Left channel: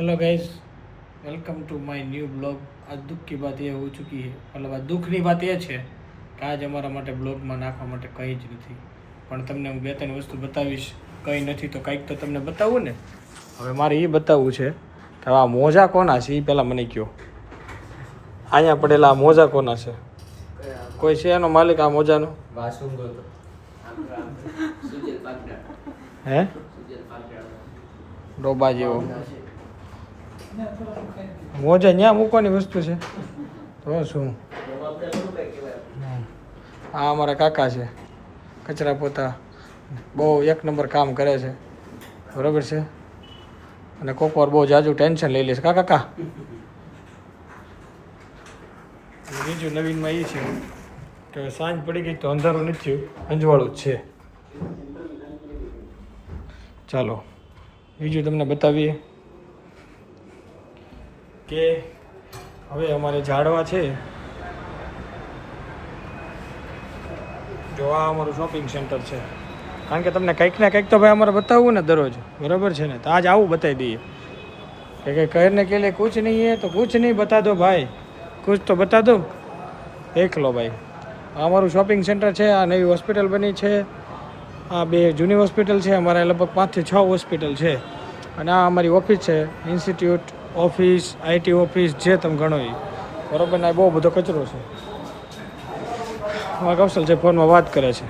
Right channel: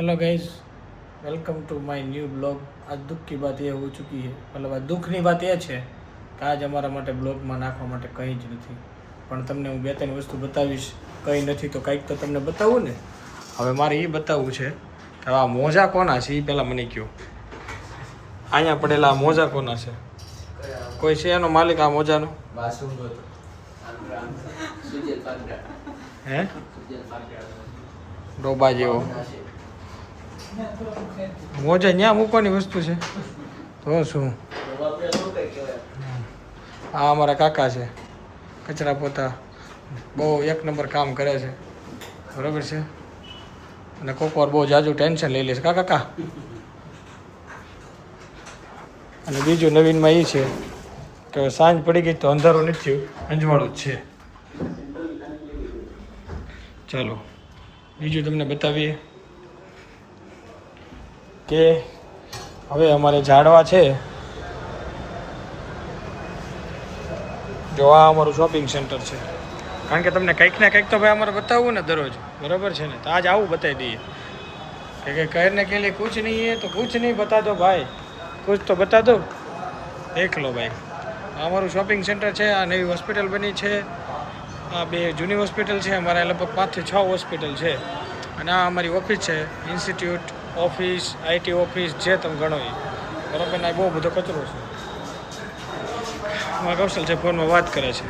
Hello guys, welcome to my new blog. आज दुख की बात ये हो चुकी है, मतलब આ દુઃખની વાત એ છે કે આજ અમારા માટે બ્લોગમાં નાખવા માટે કંઈ જ નથી, પણ તમને હું બે ત્રણ વસ્તુ બતાવીશ. કંઈ નથી તો કંઈક તો તમને બતાવું ને. હવે મારે એ બતાવવું છે કે આ મોજા કોના છે એ પહેલાં મને કહો. અહીંયા પડેલા આ મોજા કોના છે? કોઈ છે એનો માલિક આ મોજાનો? હે ડોબા જેવો મોજા ત્યાં મૂકવાની વસ્તુ છે તો શું? આ અમારા કાકા છે, કચરા પોતા બહુ એક નંબર કામ કરે છે, બરાબર છે. અને કોક વાર બહુ જાજુ ટેન્શન લઈ લે છે કાકા. અને બીજું નવીનમાં એ છે કે સાંજ પડી ગઈ તો અંધારું નથી થયું, અંજવાળું જ છે. ચાલો બીજું તમને બતાવીએ કે હવે અમારે ઝાડવા છે. જો આ અમારું શોપિંગ સેન્ટર છે, કારણ કે તમને કંઈક ને કંઈક તો ભાઈ અમારે બતાવવું ને દરરોજ, બરાબર છે ને. તો આજ આવું બતાવી દઈએ કે કરને કે लिए कुछ नहीं है तो कुछ नहीं बता दो भाई, कुछ तो बता दो. દેખ લો ભાઈ, આ અમારું શોપિંગ સેન્ટર છે. આ નવી હોસ્પિટલ બની છે. આ બે જૂની હોસ્પિટલ છે, અમારે લગભગ 5 થી 6 હોસ્પિટલ છે. અને આ અમારી ઓફિસ છે, ઇન્સ્ટિટ્યૂટ ઓફિસ, આઈટી ઓફિસ, જે તમે ગણો એ, બરાબર ને. બહુ બધો કચરો છે. અમારા કૌશલ છે ફોનમાં વાત કરે છે.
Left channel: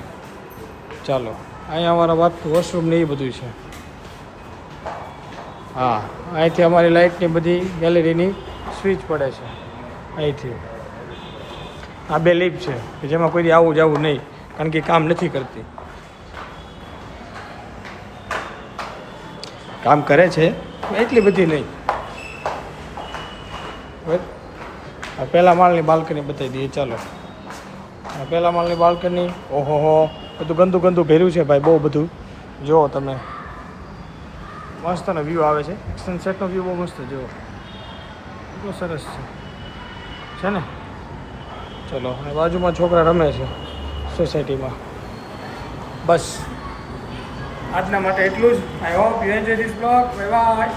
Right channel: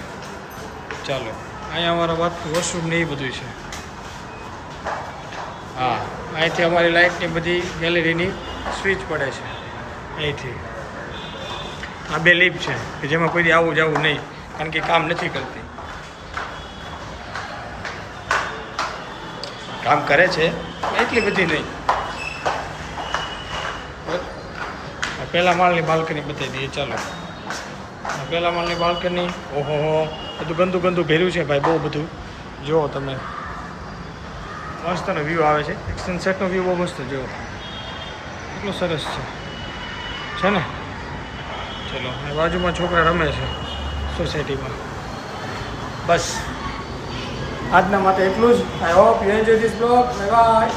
ચાલો અહીંયા અમારા વાત વોશરૂમ ને એ બધું છે. હા, અહીંથી અમારી લાઇટની બધી ગેલેરીની સ્વિચ પડે છે અહીંથી. આ બે લિફ્ટ છે કે જેમાં કોઈ આવું જવું નહીં, કારણ કે કામ નથી કરતી. કામ કરે છે એટલી બધી નહીં. પહેલા માળની બાલ્કની બતાવી દઈએ. ચાલો પહેલા માળની બાલ્કની. ઓહો હો, બધું ગંદુ ગંદુ ભર્યું છે ભાઈ, બહુ બધું. જુઓ તમે, મસ્તનો વ્યૂ આવે છે. સનસેટનો વ્યૂ બહુ મસ્ત. જુઓ એટલો સરસ છે ને. ચલો, અને બાજુમાં છોકરા રમે છે સોસાયટીમાં. બસ આજના માટે એટલું જ. I hope you enjoy this blog. Bye bye.